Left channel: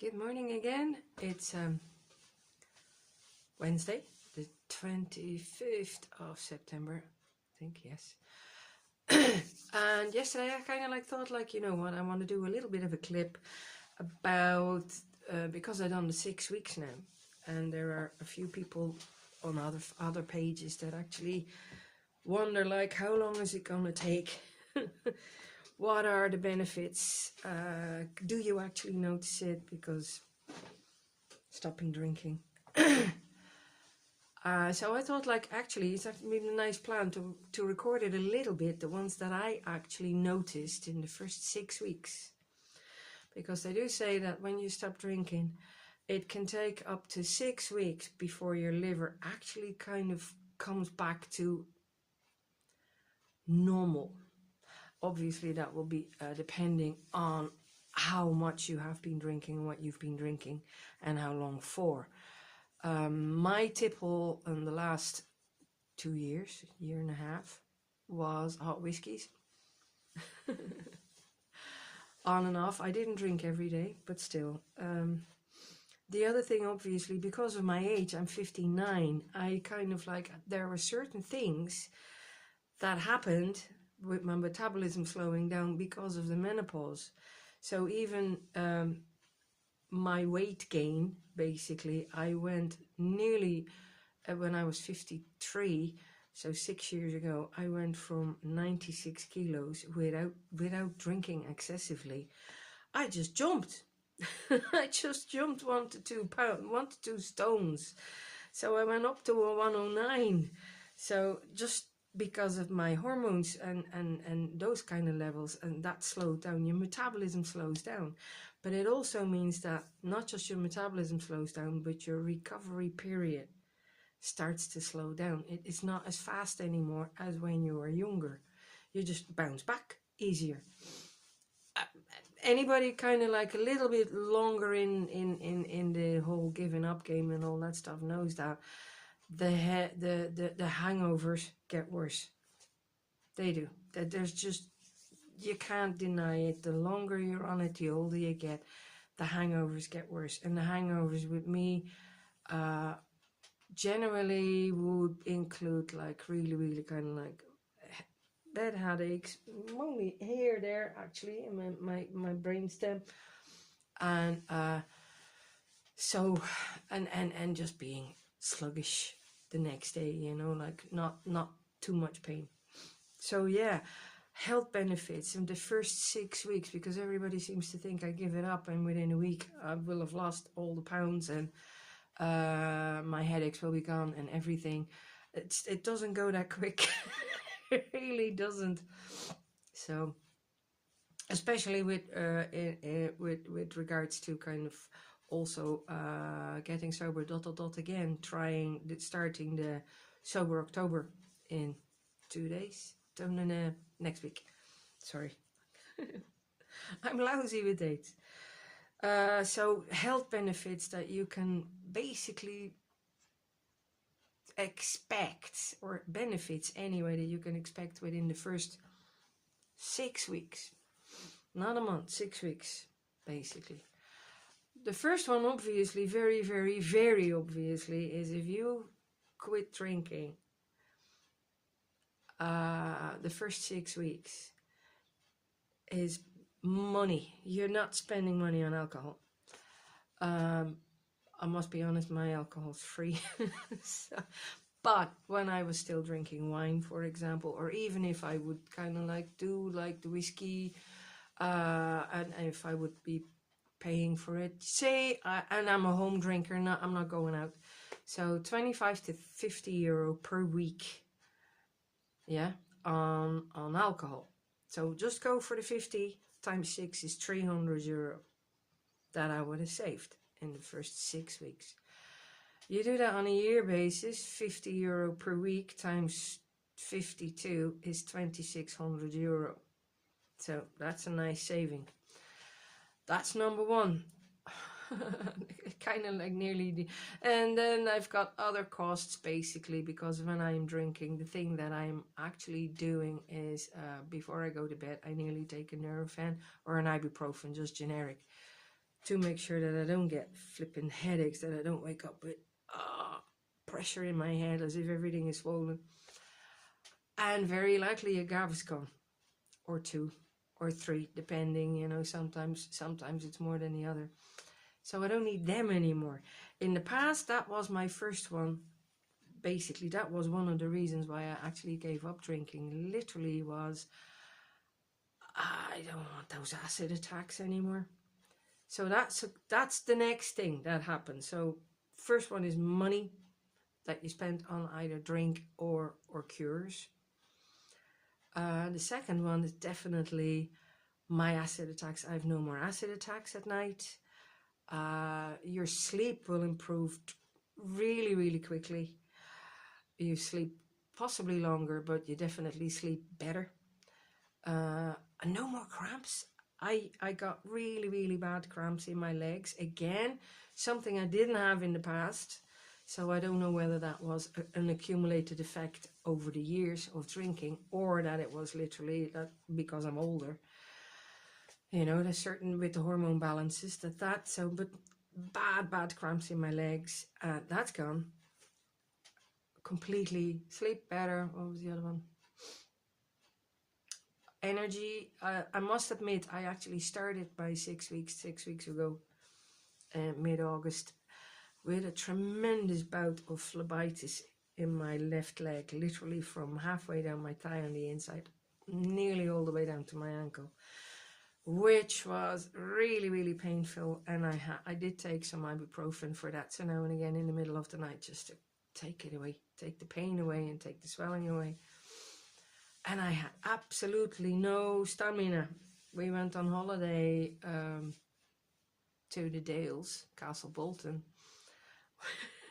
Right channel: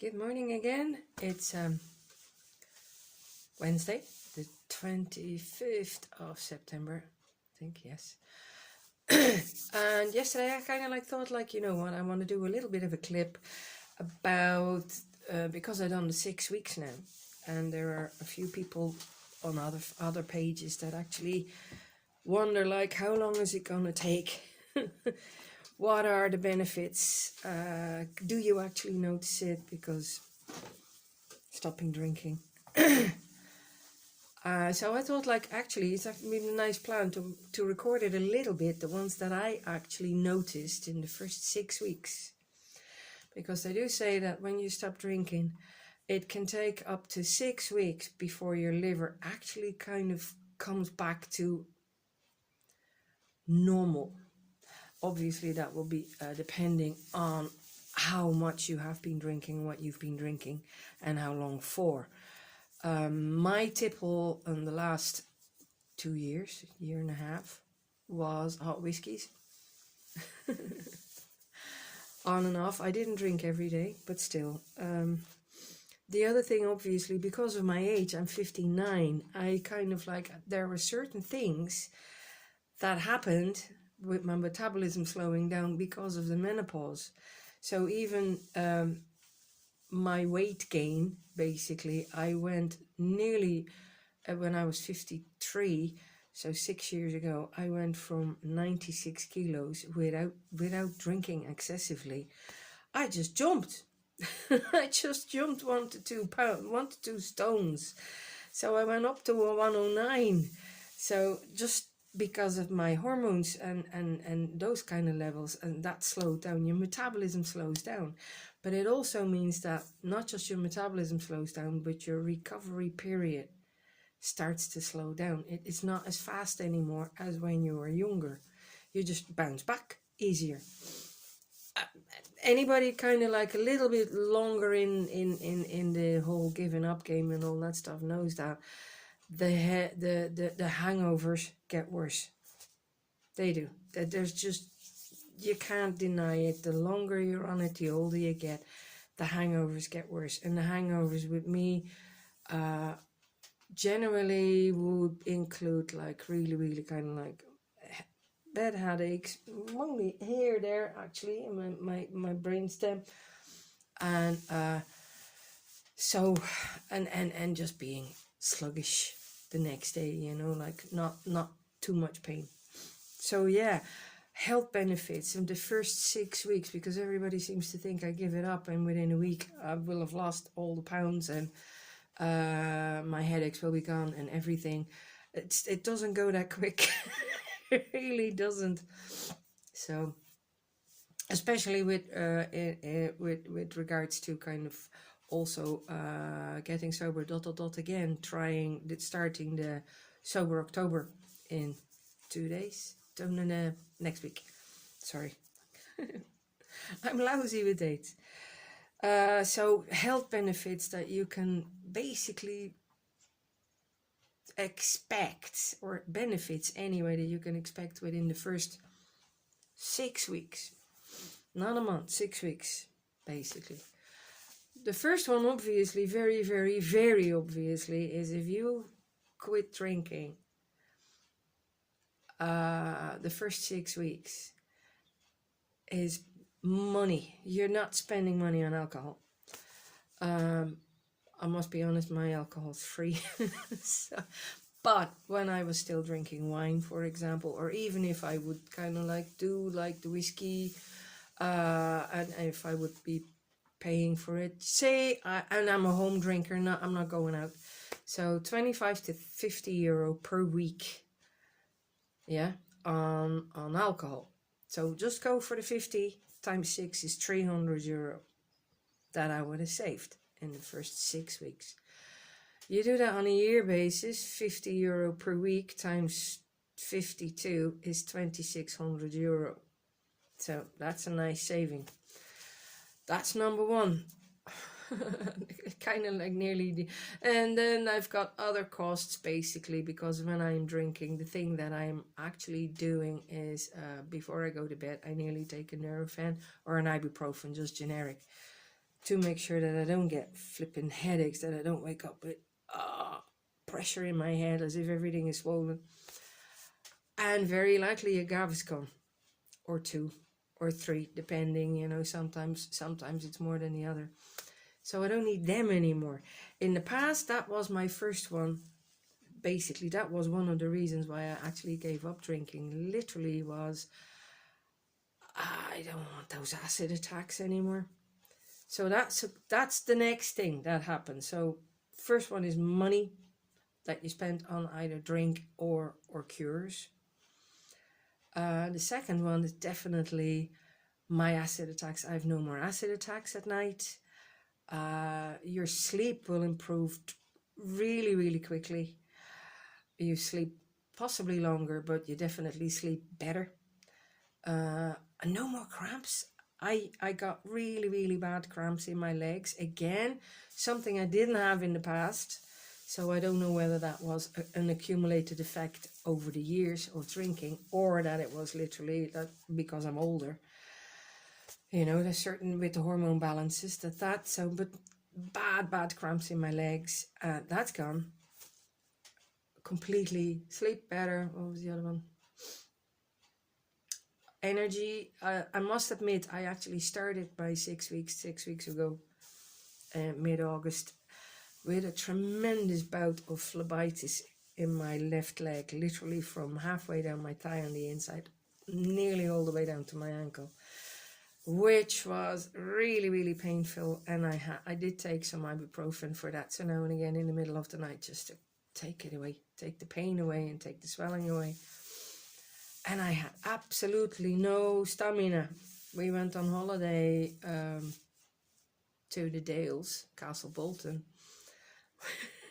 Good morning again. It's Wednesday, the 25th of September, I think, yes. And yesterday I kind of thought, you know what, I want to do a little bit of a clip about, because I've done the 6 weeks now, and there are a few people on other pages that actually wonder, how long is it going to take? What are the benefits? Do you actually notice it? Because stopping drinking. So I thought, actually, it's actually a nice plan to record it a little bit, the ones that I actually noticed in the first 6 weeks. Because they do say that when you stop drinking, it can take up to 6 weeks before your liver actually kind of comes back to normal. Obviously, that will be depending on how much you have been drinking, what you've been drinking, and how long for. My tipple in the last 2 years, year and a half, was hot whiskies. On and off. I didn't drink every day, but still. The other thing, obviously, because of my age, I'm 59, I kind of there were certain things that happened with my metabolism slowing down because of the menopause. So even my weight gain, basically, I went nearly, when I was 53, so 6 years ago, I went from 96 kilos without drinking excessively. I just jumped. I just jumped 1 to 2 pounds, 1 to 2 stones. So I went up to a 109. So just because of my hormones and those kind of levels, and that slowed down, your metabolism slows down. But it also means that not just your metabolism slows down, but your recovery period starts to slow down. It's not as fast anymore as when you were younger. You just bounce back easier. Anybody kind of a little bit longer in the whole giving up game and all that stuff knows that the hangovers get worse. They do. There's just, you can't deny it. The longer you're on it, the older you get, the hangovers get worse. And the hangovers with me generally would include really kind of bad headaches, only here, there actually, in my brainstem, and so and just being sluggish the next day, you know, not too much pain. So yeah, health benefits in the first 6 weeks, because everybody seems to think I give it up and within a week I will have lost all the pounds and my headaches will be gone and everything. It doesn't go that quick. It really doesn't. So especially with regards to kind of also getting sober again, starting the Sober October in 2 days, next week, sorry. I'm lousy with dates. So health benefits that you can basically expect, or benefits anyway, that you can expect within the first 6 weeks, not a month, 6 weeks basically. The first one, obviously, very obviously, is if you quit drinking the first 6 weeks, is money. You're not spending money on alcohol. I must be honest, my alcohol's free. So, but when I was still drinking wine, for example, or even if I would kind of do the whiskey, and if I would be paying for it, say, and I'm a home drinker, I'm not going out, so 25 to 50 euro per week, yeah, on alcohol. So just go for the 50 times 6 is 300 euro that I would have saved in the first 6 weeks. You do that on a year basis, 50 euro per week times 52 is 2,600 euro. So that's a nice saving. That's number one. Kind of nearly and then I've got other costs, basically, because when I'm drinking, the thing that I'm actually doing is before I go to bed, I nearly take a Nurofen or an ibuprofen, just generic. to make sure that I don't get flipping headaches, that I don't wake up with pressure in my head as if everything is swollen. And very likely a Gaviscon or 2 or 3, depending, you know, sometimes it's more than the other. So I don't need them anymore. In the past, that was my first one. Basically, that was one of the reasons why I actually gave up drinking. Literally was, I don't want those acid attacks anymore. So that's the next thing that happens. So first one is money that you spend on either drink or cures. The second one is definitely my acid attacks. I have no more acid attacks at night. Your sleep will improve really, really quickly. You sleep possibly longer, but you definitely sleep better. And no more cramps. I got really, really bad cramps in my legs. Again, something I didn't have in the past. So I don't know whether that was an accumulated effect over the years of drinking, or that it was literally that because I'm older. You know, there's certain with the hormone balances but bad cramps in my legs. That's gone. Completely. Sleep better. What was the other one? Energy. I must admit, I actually started by 6 weeks ago, mid-August, with a tremendous bout of phlebitis in my left leg, literally from halfway down my thigh on the inside, nearly all the way down to my ankle, which was really, really painful. And I did take some ibuprofen for that, so now and again in the middle of the night, just to take it away, take the pain away and take the swelling away. And I had absolutely no stamina. We went on holiday to the Dales, Castle Bolton.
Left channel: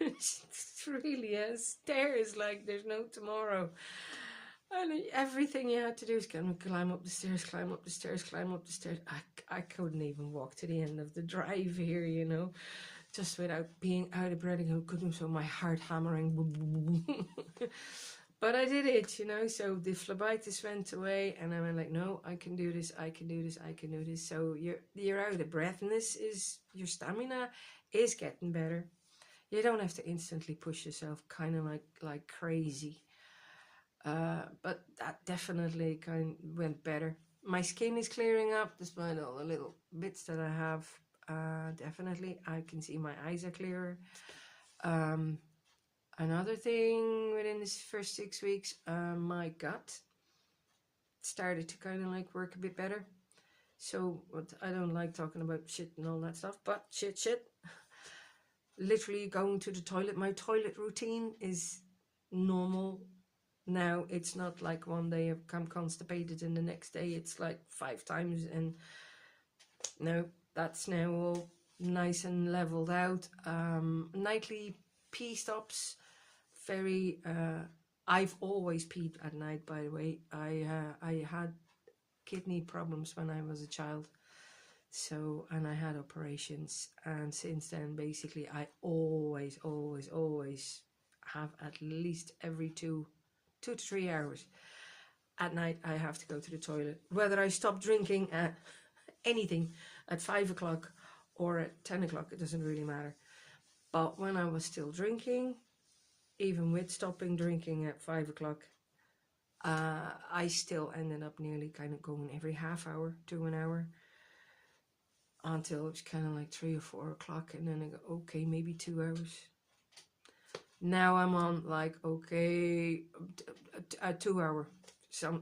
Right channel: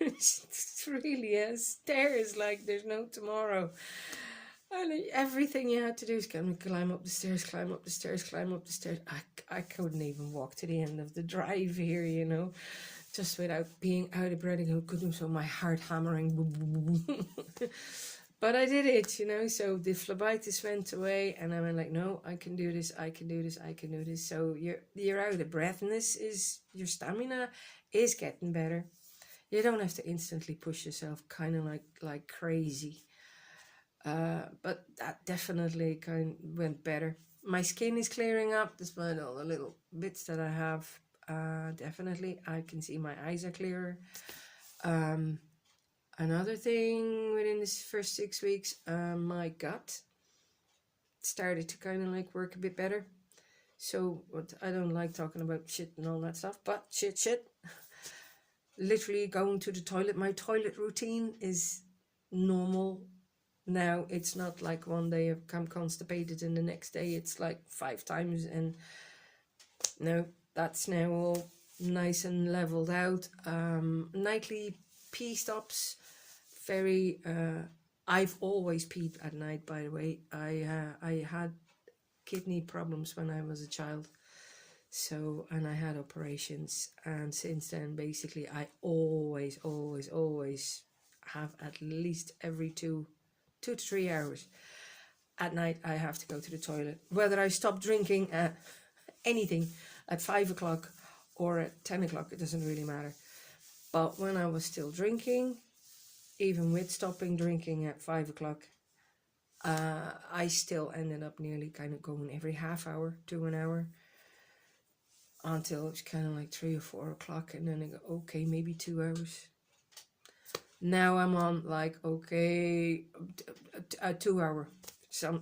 It's really stairs like there's no tomorrow. And everything you had to do is climb up the stairs, climb up the stairs, climb up the stairs. I couldn't even walk to the end of the drive here, you know, just without being out of breath. I couldn't feel my heart hammering. But I did it, you know, so the phlebitis went away, and I'm like, no, I can do this, I can do this, I can do this. So you're out of breathness, is your stamina is getting better. You don't have to instantly push yourself kind of like crazy. But that definitely kind of went better. My skin is clearing up despite all the little bits that I have. Definitely, I can see my eyes are clearer. Another thing within this first 6 weeks, my gut started to kind of like work a bit better. So, but I don't like talking about shit and all that stuff, but shit. Literally going to the toilet. My toilet routine is normal now. It's not like one day I've come constipated and the next day it's like 5 times, and no, that's now all nice and leveled out. Nightly pee stops. Very I've always peed at night, by the way. I had kidney problems when I was a child, so, and I had operations, and since then basically I always have at least every 2 to 3 hours at night I have to go to the toilet, whether I stop drinking at anything at 5 o'clock or at 10 o'clock, it doesn't really matter. But when I was still drinking, even with stopping drinking at 5 o'clock, I still ended up nearly kind of going every half hour to an hour, until it's kind of like 3 or 4 o'clock, and then I go, okay, maybe 2 hours. Now I'm on like, okay, a 2 hour.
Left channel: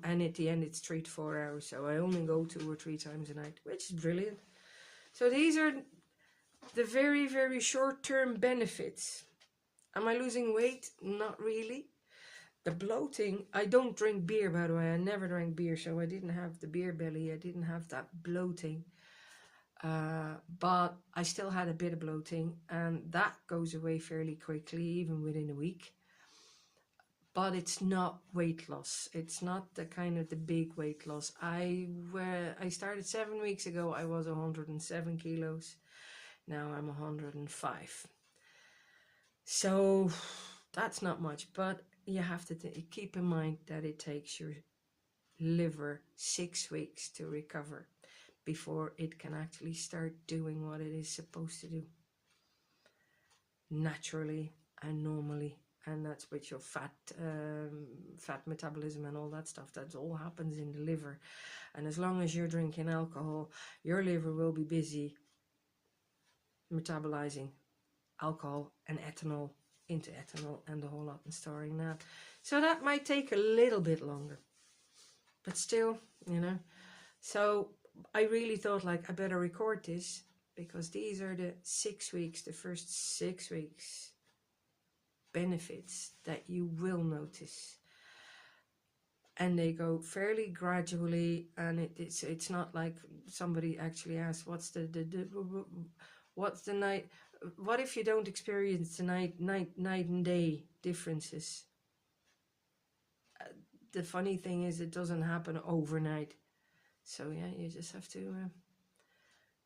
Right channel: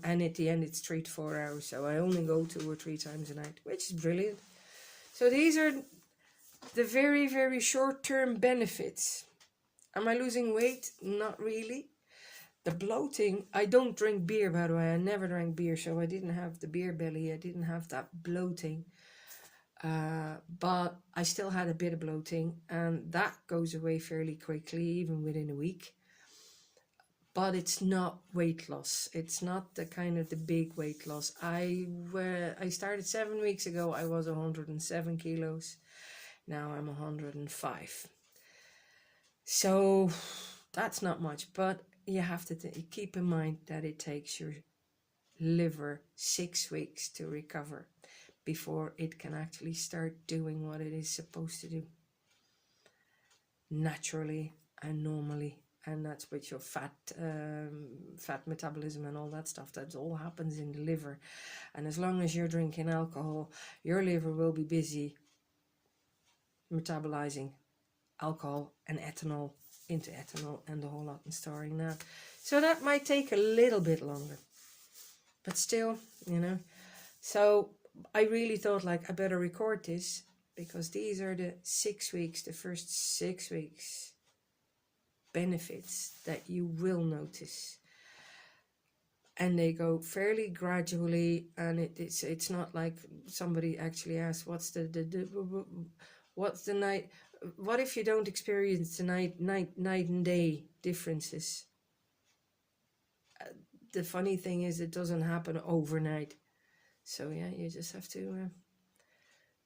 And at the end it's 3 to 4 hours. So I only go 2 or 3 times a night, which is brilliant. So these are the very, very short-term benefits. Am I losing weight? Not really. The bloating, I don't drink beer, by the way. I never drank beer, so I didn't have the beer belly. I didn't have that bloating. But I still had a bit of bloating, and that goes away fairly quickly, even within a week. But it's not weight loss. It's not the kind of the big weight loss. I started 7 weeks ago. I was 107 kilos. Now I'm 105. So that's not much, but you have to keep in mind that it takes your liver 6 weeks to recover. before it can actually start doing what it is supposed to do naturally and normally. And that's with your fat metabolism and all that stuff. That all happens in the liver. And as long as you're drinking alcohol, your liver will be busy metabolizing alcohol and ethanol into ethanol and the whole lot and storing that. So that might take a little bit longer. But still, you know. So I really thought, like, I better record this, because these are the 6 weeks, the first 6 weeks benefits that you will notice. And they go fairly gradually, and it's not like somebody actually asks, what's the night, what if you don't experience the night and day differences? The funny thing is, it doesn't happen overnight. So yeah, you just have to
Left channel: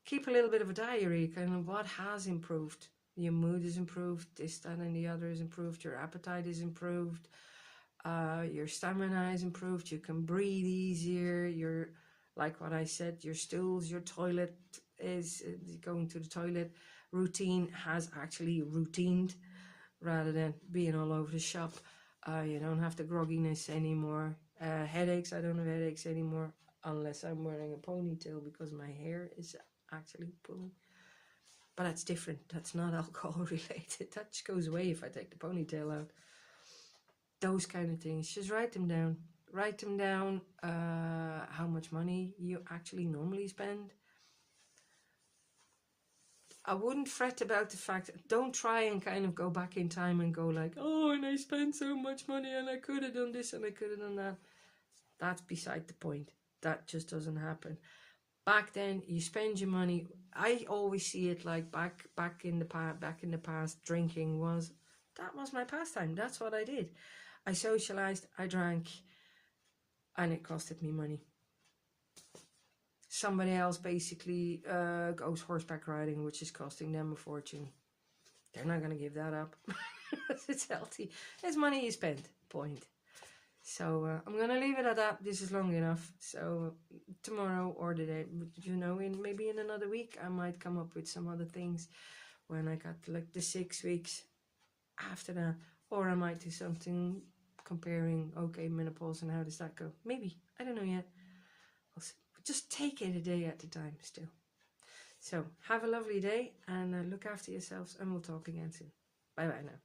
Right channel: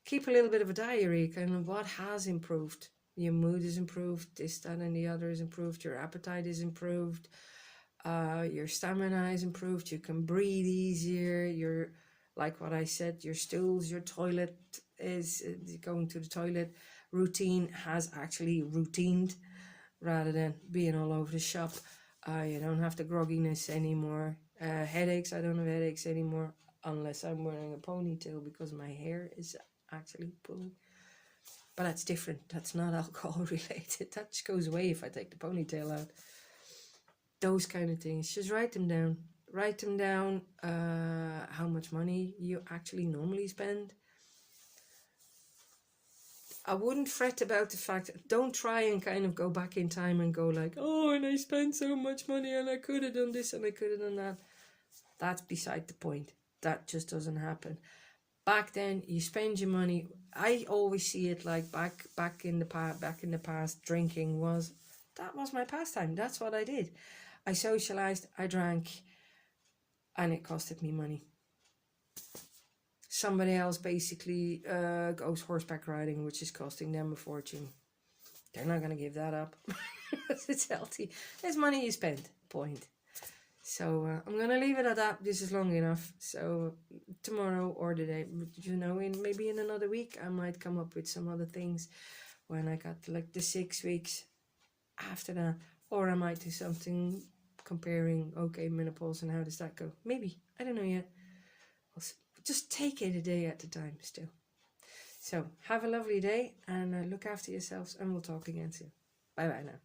keep a little bit of a diary, kind of what has improved. Your mood is improved, this, that, and the other is improved, your appetite is improved, your stamina is improved, you can breathe easier, your, like what I said, your stools, your toilet is, going to the toilet routine has actually routined, rather than being all over the shop. You don't have the grogginess anymore. Headaches, I don't have headaches anymore, unless I'm wearing a ponytail because my hair is actually pulling. But that's different. That's not alcohol related. That just goes away if I take the ponytail out. Those kind of things. Just write them down. Write them down, how much money you actually normally spend. I wouldn't fret about the fact, don't try and kind of go back in time and go like, oh, and I spent so much money and I could have done this and I could have done that. That's beside the point. That just doesn't happen. Back then, you spend your money. I always see it like back in the past, drinking was my pastime. That's what I did. I socialized, I drank, and it costed me money. Somebody else basically goes horseback riding, which is costing them a fortune. They're not going to give that up. It's healthy. It's money you spend, point. So I'm going to leave it at that. This is long enough. So tomorrow or the day, you know, maybe in another week, I might come up with some other things when I got like the 6 weeks after that. Or I might do something comparing, okay, menopause and how does that go? Maybe. I don't know yet. Just take it a day at a time still. So have a lovely day and look after yourselves, and we'll talk again soon. Bye bye now.